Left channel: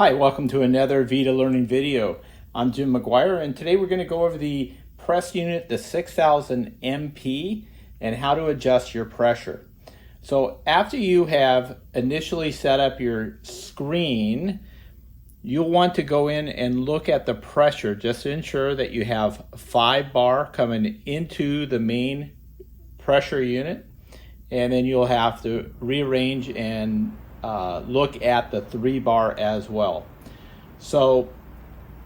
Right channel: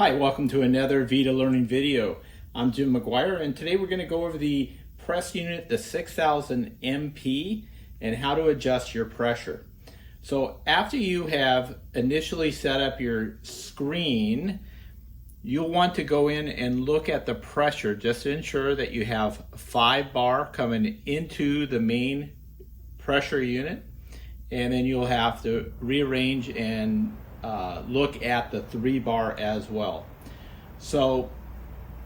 Hi, welcome to another VITA learning video. I'm Jim McGuire, and today we're going to go over the press unit, the 6000 MP, and how to adjust your pressure. So after you have initially set up your screen, you'll want to go in and look at the pressure just to ensure that you have 5 bar coming into the main pressure unit, and then you'll have to rearrange and look at the 3 bar as well. So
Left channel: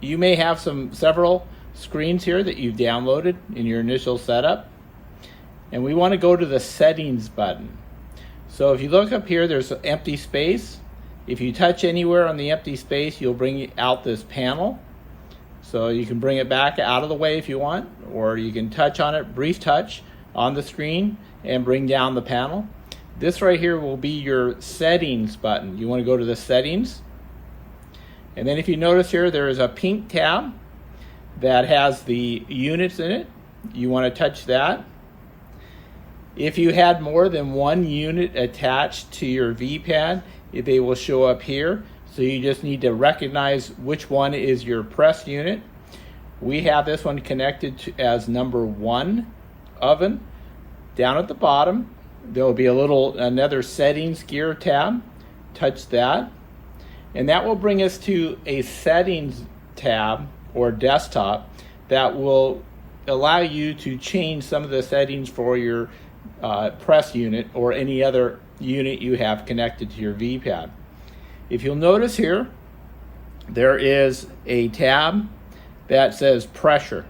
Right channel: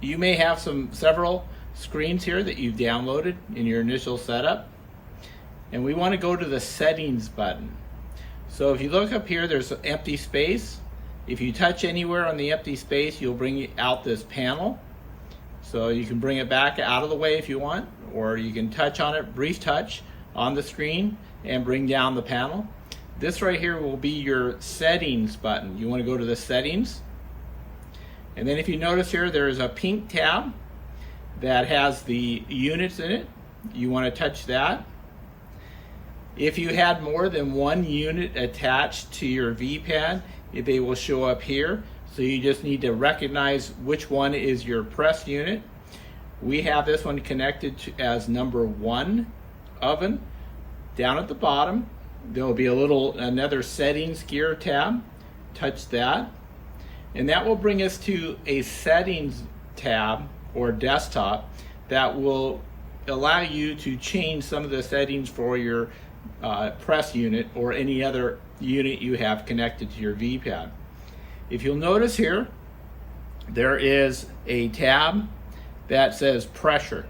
you may have several screens here that you've downloaded in your initial setup, and we want to go to the settings button. So if you look up here, there's an empty space. If you touch anywhere on the empty space, you'll bring out this panel. So you can bring it back out of the way if you want, or you can touch on it, brief touch on the screen, and bring down the panel. This right here will be your settings button. You want to go to the settings, and then if you notice here, there is a pink tab that has the units in it. You want to touch that. If you had more than one unit attached to your V-pad, they will show up here. So you just need to recognize which one is your press unit. We have this one connected to as number 1 oven. Down at the bottom, there'll be another settings gear tab. Touch that, and that will bring us to a settings tab or desktop that will allow you to change some of the settings for your press unit or any other unit you have connected to your V-pad. If you'll notice here, there is a tab that says pressure.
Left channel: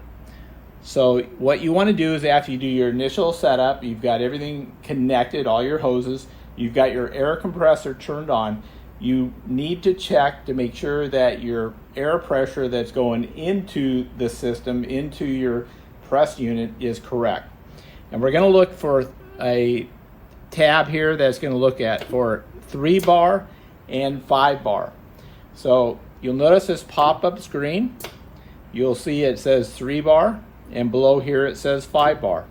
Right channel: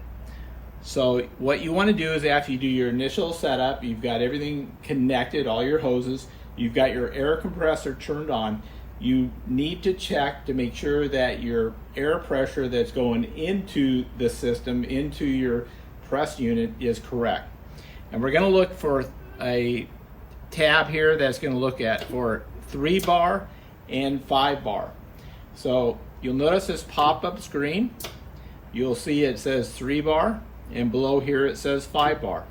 So what you want to do is, after you do your initial setup, you've got everything connected, all your hoses, you've got your air compressor turned on, you need to check to make sure that your air pressure that's going into the system, into your press unit, is correct. And we're going to look for a tab here that's going to look at for 3 bar and 5 bar. So you'll notice this pop-up screen. You'll see it says 3 bar, and below here it says 5 bar.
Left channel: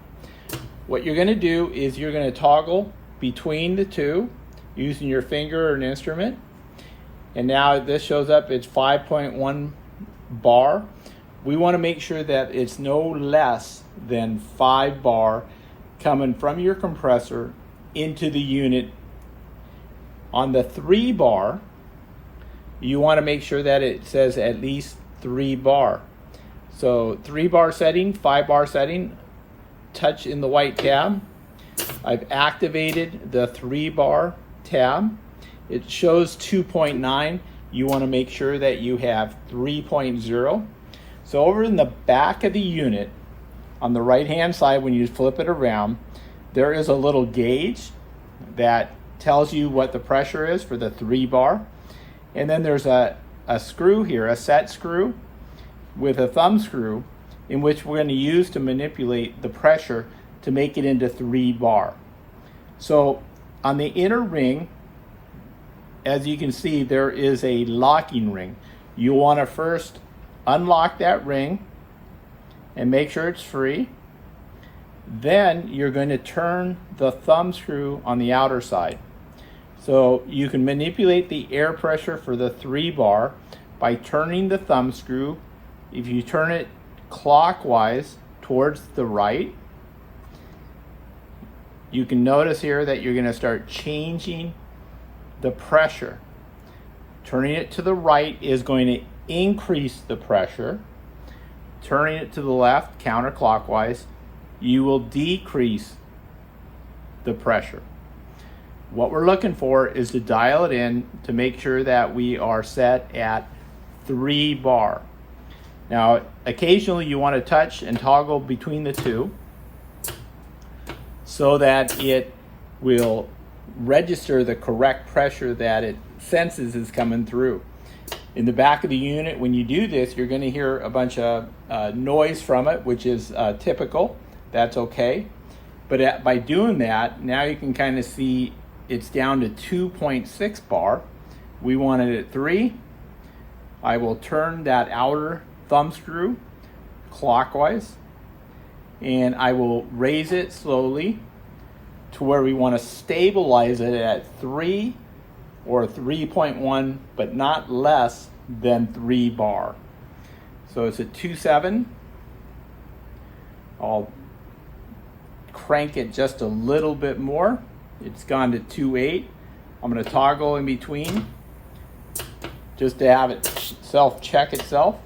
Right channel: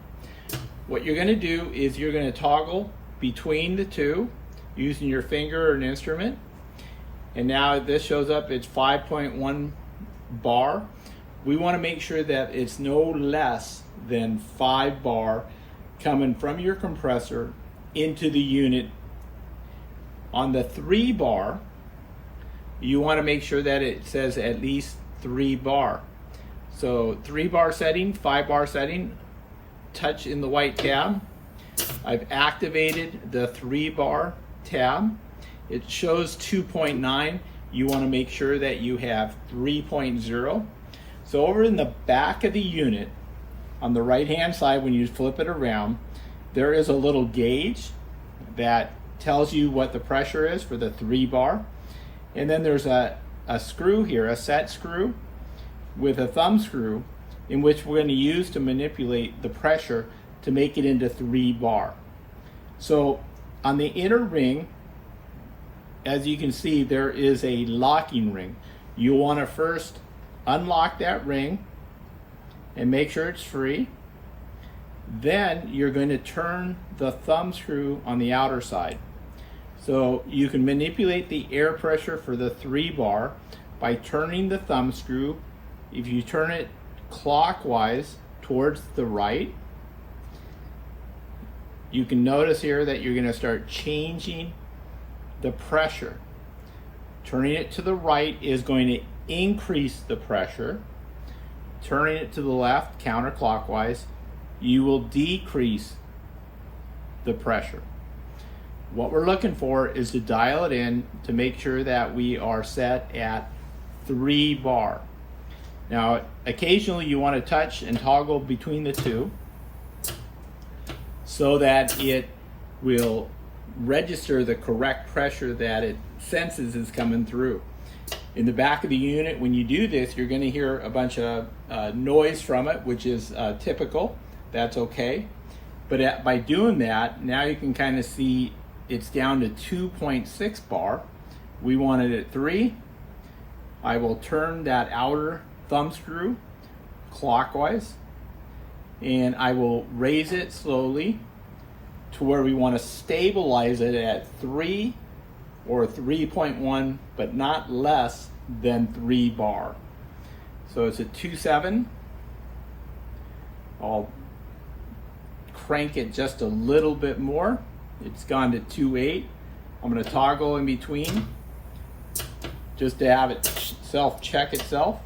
What you're going to do is you're going to toggle between the two using your finger or an instrument. And now this shows up, it's 5.1 bar. We want to make sure that it's no less than 5 bar coming from your compressor into the unit. On the 3 bar, you want to make sure that it says at least 3 bar. So 3 bar setting, 5 bar setting, touch in the white tab. I've activated the 3 bar tab. It shows 2.9. You want to make sure that you have 3.0. So over in the back of the unit, on the right hand side, when you flip it around, there is a little gauge that tells you what the pressure is for the 3 bar. And then there's a screw here, a set screw with a thumb screw, in which we're going to use to manipulate the pressure to make it into 3 bar. So on the inner ring, as you can see, there is a locking ring. You want to first unlock that ring and make sure it's free. Then you're going to turn the thumb screw on the outer side. So you can manipulate the air pressure for the 3 bar by turning the thumb screw. If you turn it clockwise towards the right, you can notice here that you're going to start changing the pressure. Turning it to the right is going to increase the pressure. Turning it to the left, counterclockwise, you will decrease the pressure. What we're looking for is to dial it in to make sure that we are set at 3 bar. Now, occasionally you want to touch and toggle between the two so that it will register the correct pressure that it senses is coming through. In the back of the unit, when you do this, you're going to hear a bunch of noise from it, which is typical. That's okay. But by doing that, now you can kind of see it's down to 2.6 bar. We want it at 3. I will turn that outer thumb screw clockwise, and I will raise it slowly to where we want to stabilize it at 3 or 3.1, but not less than 3 bar. So it's at 2.7. I'll crank it just a little bit more. It's gone to 2.8. I'm going to toggle in between just to have it self-check itself.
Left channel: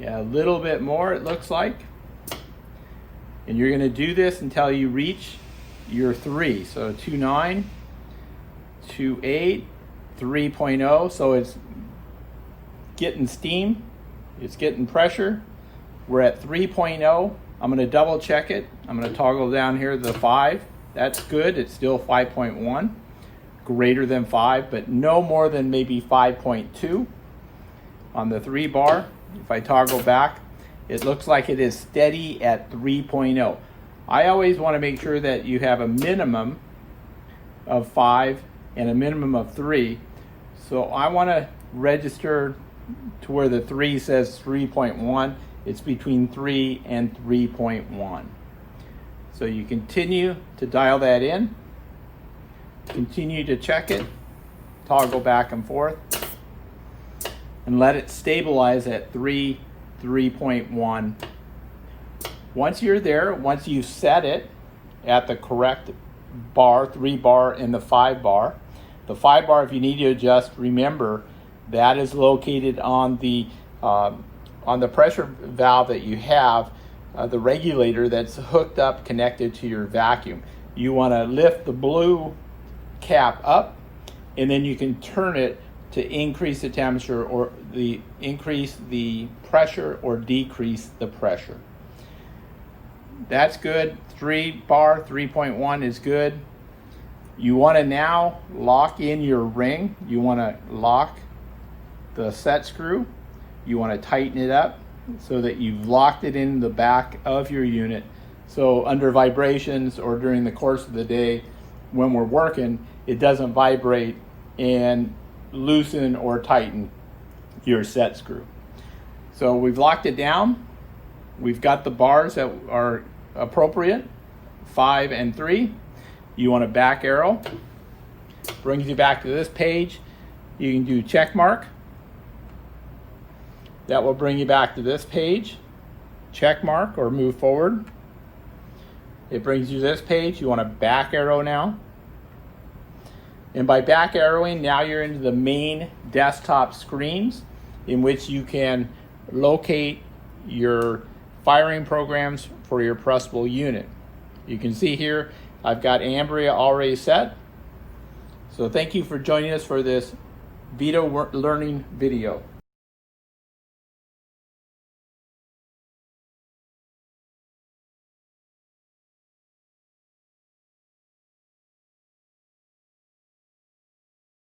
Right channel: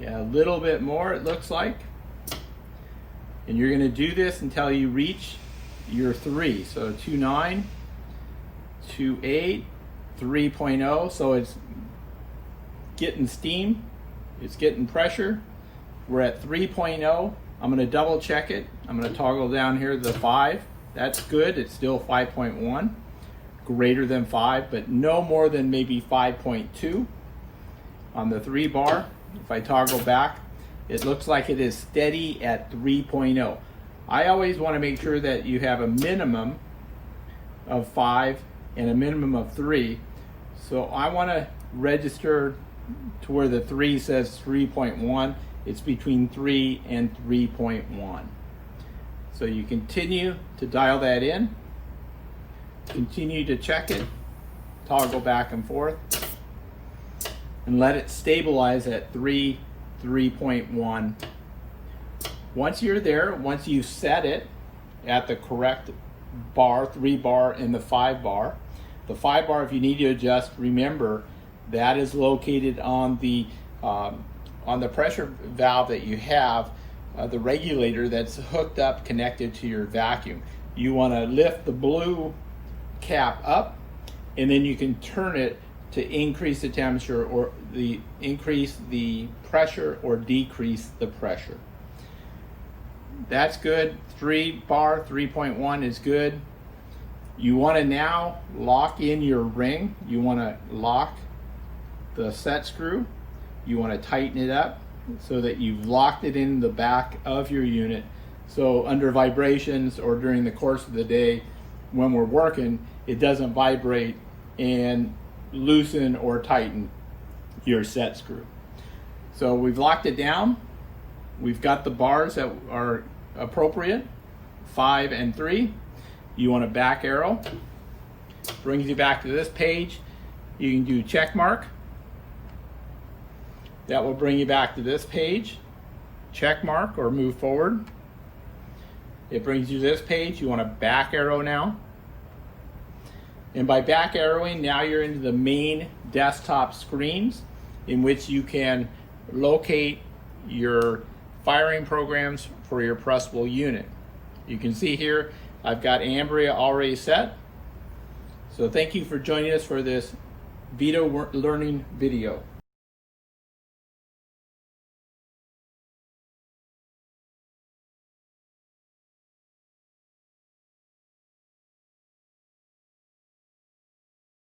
Yeah, a little bit more it looks like. And you're going to do this until you reach your 3. So 2.9, 2.8, 3.0. So it's getting steam, it's getting pressure. We're at 3.0. I'm going to double check it. I'm going to toggle down here to the 5. That's good. It's still 5.1, greater than 5, but no more than maybe 5.2 on the 3 bar. If I toggle back, it looks like it is steady at 3.0. I always want to make sure that you have a minimum of 5 and a minimum of 3. So I want to register to where the 3 says 3.1. It's between 3 and 3.1. So you continue to dial that in, continue to check it, toggle back and forth, and let it stabilize at 3.1. Once you're there, once you set it at the correct bar, 3 bar and the 5 bar, the 5 bar, if you need to adjust, remember that is located on the pressure valve that you have, the regulator that's hooked up, connected to your vacuum. You want to lift the blue cap up, and then you can turn it to increase the temperature or increase the pressure or decrease the pressure. That's good. 3 bar, 3.1 is good. You want to now lock in your ring. You want to lock the set screw. You want to tighten it up so that you've locked it in the back of your unit. So under vibrations or during the course of the day when we're working, it doesn't vibrate and loosen or tighten your set screw. So we've locked it down. We've got the bars that are appropriate, 5 and 3. You want a back arrow. Brings you back to this page. You can do check mark. That will bring you back to this page. Check mark or move forward. It brings you to this page. You want a back arrow now. And by back arrowing, now you're into the main desktop screens in which you can locate your firing programs for your pressable unit. You can see here, I've got Ambria already set. So thank you for joining us for this VITA learning video.